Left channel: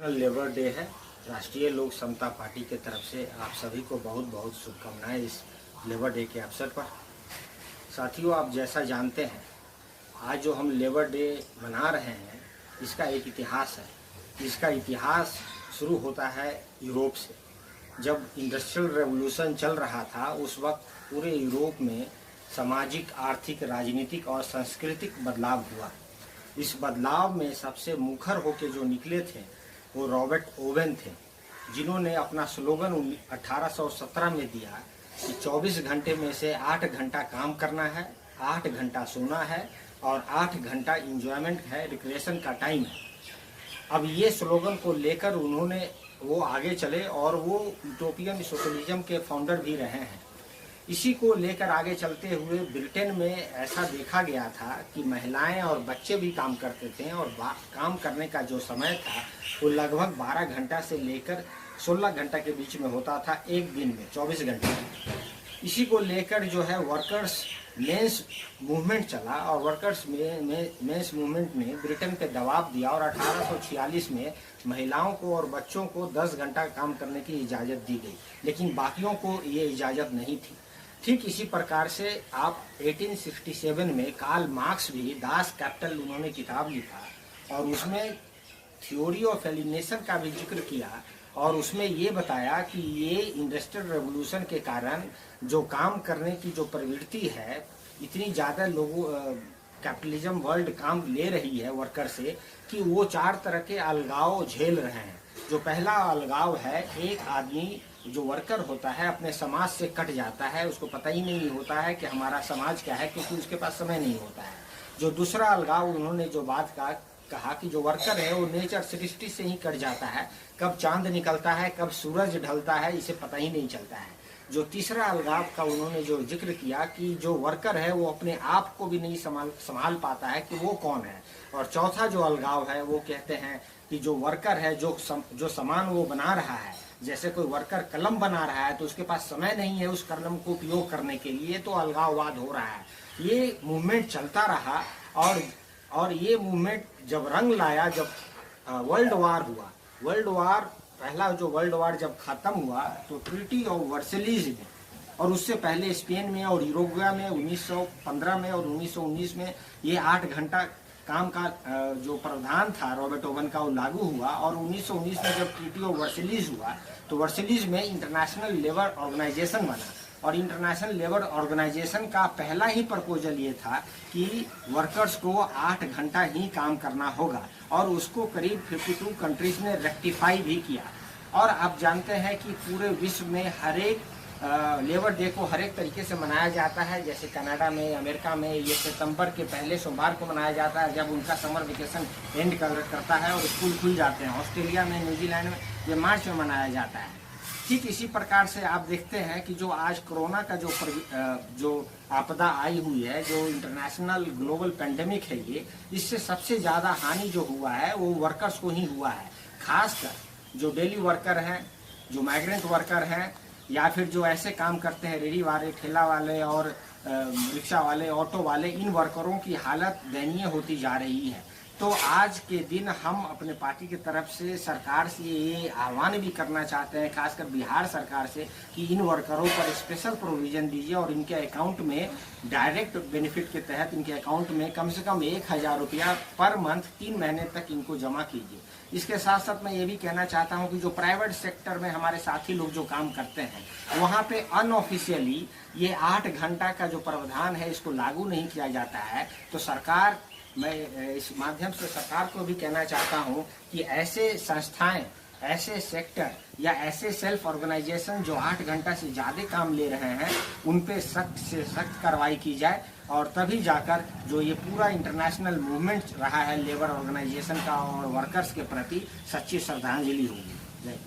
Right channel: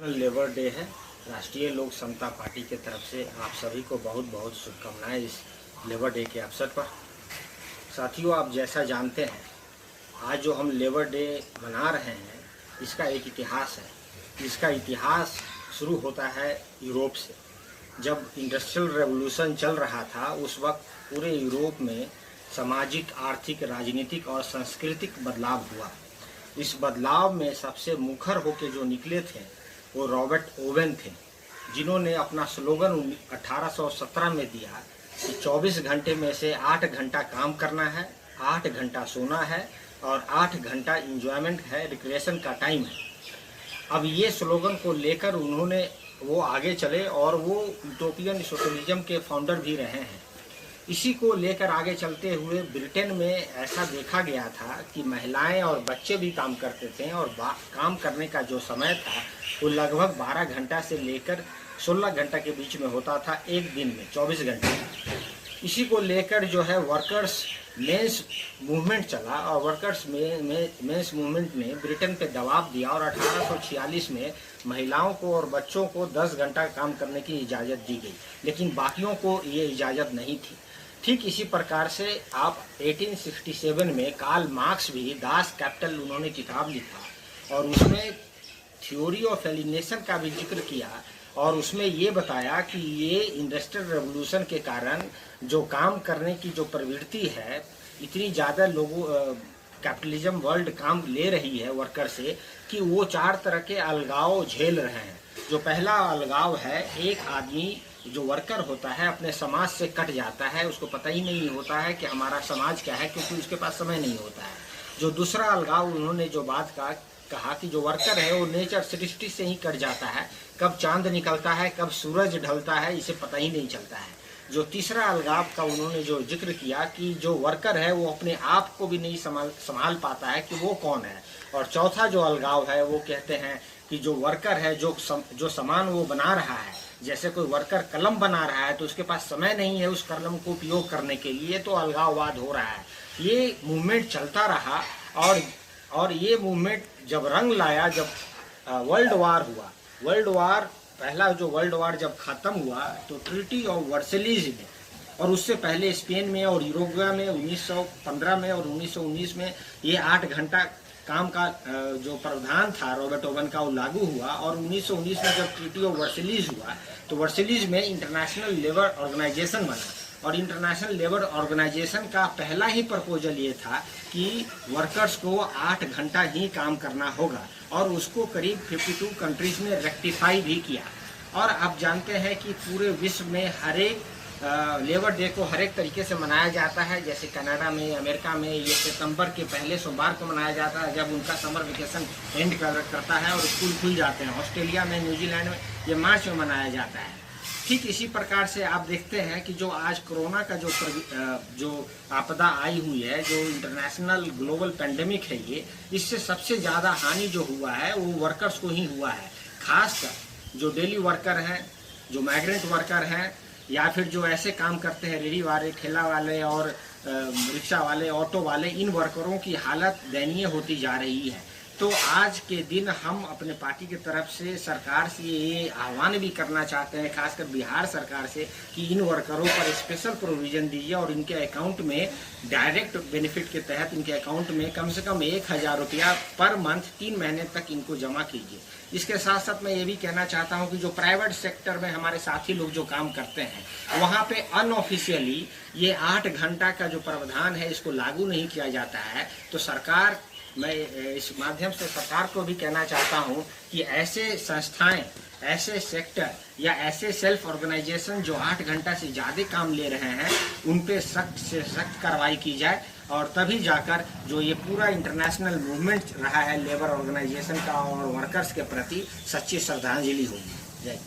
Labour day है। राष्ट्रीय लोक समता पार्टी के तरफ से आप सभी को बहुत बहुत शुभकामनाएं इस लेबर डे के अवसर पर। साथियों, आप जैसा जानते हैं, आज जो हम लेबर डे मना रहे हैं इसका एक इतिहास है। इसका इतिहास शुरू होता है यूरोप से। जब इंडस्ट्रियल रेवोल्यूशन चल रहा था उस वक्त पूरे यूरोप में सामाजिक, आर्थिक, राजनीतिक और सांस्कृतिक बदलाव हुआ। इस बदलाव में सबसे मुखर होकर जो निकले थे वो रॉबर्ट ओवेन थे, जिन्होंने अपना स्लोगन 1817 में दिया कि 24 घंटे में से 8 घंटा काम करना है, 8 घंटा सोना है और 8 घंटा इंजॉयमेंट है, रिक्रिएशन का टाइम है। अब ये स्लोगन को लेकर वो आगे चले और वो यूटोपियन सोशलिज्म के फाउंडर भी रहे हैं। इसी को लेकर आगे चलते हुए ब्रिटेन में ऐसा देखा गया था कि महिलाएं और बच्चे भी काम करते थे और काम करने का जो समय था वो लगभग 12 घंटा से लेकर 16 घंटा के बीच में होता था, एक दिन में 24 घंटे। इसी को लेकर जो है वर्कर्स मेंस मूवमेंट चला और वर्कर्स मेंस मूवमेंट ने ब्रिटेन पे दबाव दिया और 1846 में महिलाओं को और बच्चों को 10 घंटा काम करने की इजाज़त दी गई, लेकिन बाकियों को ये इजाज़त नहीं थी। ठीक इसी प्रकार से आप 1867 में कार्ल मार्क्स भी दास कैपिटल उन्होंने किताब लिखा और उसमें थ्योरी ऑफ एलिनेशन का भी जिक्र किया और उसमें ये बताया कि ये इंडस्ट्रियल रेवोल्यूशन के कारण जो काम करने की जो प्रवृत्ति है, इतनी ज़्यादा लोगों कैपिटलिज्म वर्ल्ड काम ले रही है वर्कर से कि वो 4 तरह के अलगाव झेल रहे हैं। जो पहला अलगाव है, एक आदमी जो वर्कर होता है अपने समाज से कट जाता है, उसको पता ही नहीं होता है कि हमारा समाज क्या है, क्योंकि उसके पास समय नहीं होता है। जो दूसरा अलगाव उन्होंने जो बात कहा कि जो वर्कर है वो नेचर सृष्टि से ही कट जाता है, कब चांद निकलता है, कब सूरज ढलता है, इसे पता ही नहीं चलता है। जो तीसरा अलगाव का उन्होंने जो जिक्र किया कि जो वर्कर है वो अपने आप को भी नहीं संभाल पाता है कि वो कौन है। और चौथा जो अलगाव है वो कहते हैं कि जो वर्कर है जो सामान वो बना रहा है, जैसे कोई वर्कर कलम बना रहा है तो उसके पास समय नहीं है उस कलम को उपयोग करने के लिए, तो अलगाववाद हो रहा है। ये मूवमेंट चलता रहा और ये मूवमेंट जब रंग लाया, जब वर्ल्ड वार पहला जो वर्ल्ड वार जब खत्म हुआ तो ट्रीटी ऑफ वर्सेलीज में और उससे पहले स्पेन में और यूरोगिया में 1915 में और 1919 में ये 8 घंटा काम का जो प्रावधान था रॉबर्ट ओवन का वो लागू हुआ। और 1919 में जब ट्रीटी ऑफ वर्सेलीज हुआ तो वर्सेलीज में इंटरनेशनल लेबर ऑर्गेनाइजेशन बना और इंटरनेशनल लेबर ऑर्गेनाइजेशन का पहला ही प्रपोजल ये था कि वर्कर्स को 8 घंटा ही काम करना होगा और उसको करीब 52 कंट्रीज ने रेक्टिफाई भी किया। और आप जानते हैं कि पूरे विश्व में हर एक लेबर डे को हर एक तरीके से मनाया जाता है। जैसे कनाडा में, अमेरिका में ये सितंबर के पहले सोमवार को मनाया जाता है जब उनका समर वेकेशन एंड करता है और स्कूल खुल जाते हैं। ऑस्ट्रेलिया में, न्यूजीलैंड में ये मार्च में मनाया जाता है। ठीक इसी प्रकार से आप देखते हैं कि जो आज कोरोना का जो आपदा आई हुई है, जो इंटरनेशनल ग्लोबल पेंडेमिक है, ये इससे सबसे ज़्यादा हानि जो हुआ है वो वर्कर्स को ही हुआ है। खासकर जो डेली वर्कर हैं, जो माइग्रेंट वर्कर हैं या फिर जो ऐसे काम करते हैं रेडी वाले, ठेला वाले और रिक्शा वाले, ऑटो वाले, इन वर्करों की हालत दयनीय होती जा रही है। तो आज के दिन हम अपने पार्टी की तरफ से सरकार से ये आह्वान भी करना चाहते हैं, खासकर बिहार सरकार से, कि इन वर्करों पर स्पेशल प्रोविजन दीजिए और इनके अकाउंट में डायरेक्ट बेनिफिट के तहत इनके अकाउंट में कम से कम 1000 रुपया पर मंथ 3 महीने तक इनको जमा कीजिए। इसके साथ साथ मैं ये भी कहना चाहता हूँ कि जो प्राइवेट सेक्टर में हमारे साथी लोग जो काम करते हैं वहाँ पे अनऑफिशियली ये 8 घंटा का जो प्रावधान है इसको लागू नहीं किया जाता है। तो सरकार, मैं इस माध्यम से सरकार को भी कहना चाहता हूं कि ऐसे संस्थाएं, ऐसे सेक्टर या ऐसे सेल्फ ऑर्गेनाइजेशन जो 8 घंटा से ज़्यादा काम ले रहे हैं उन पे सख्त से सख्त कार्रवाई की जाए और तभी जाकर जो ये पूरा इंटरनेशनल मूवमेंट रहा है लेबर ऑर्गेनाइजेशन का और वर्कर्स के प्रति सच्ची श्रद्धांजलि होगी। जय।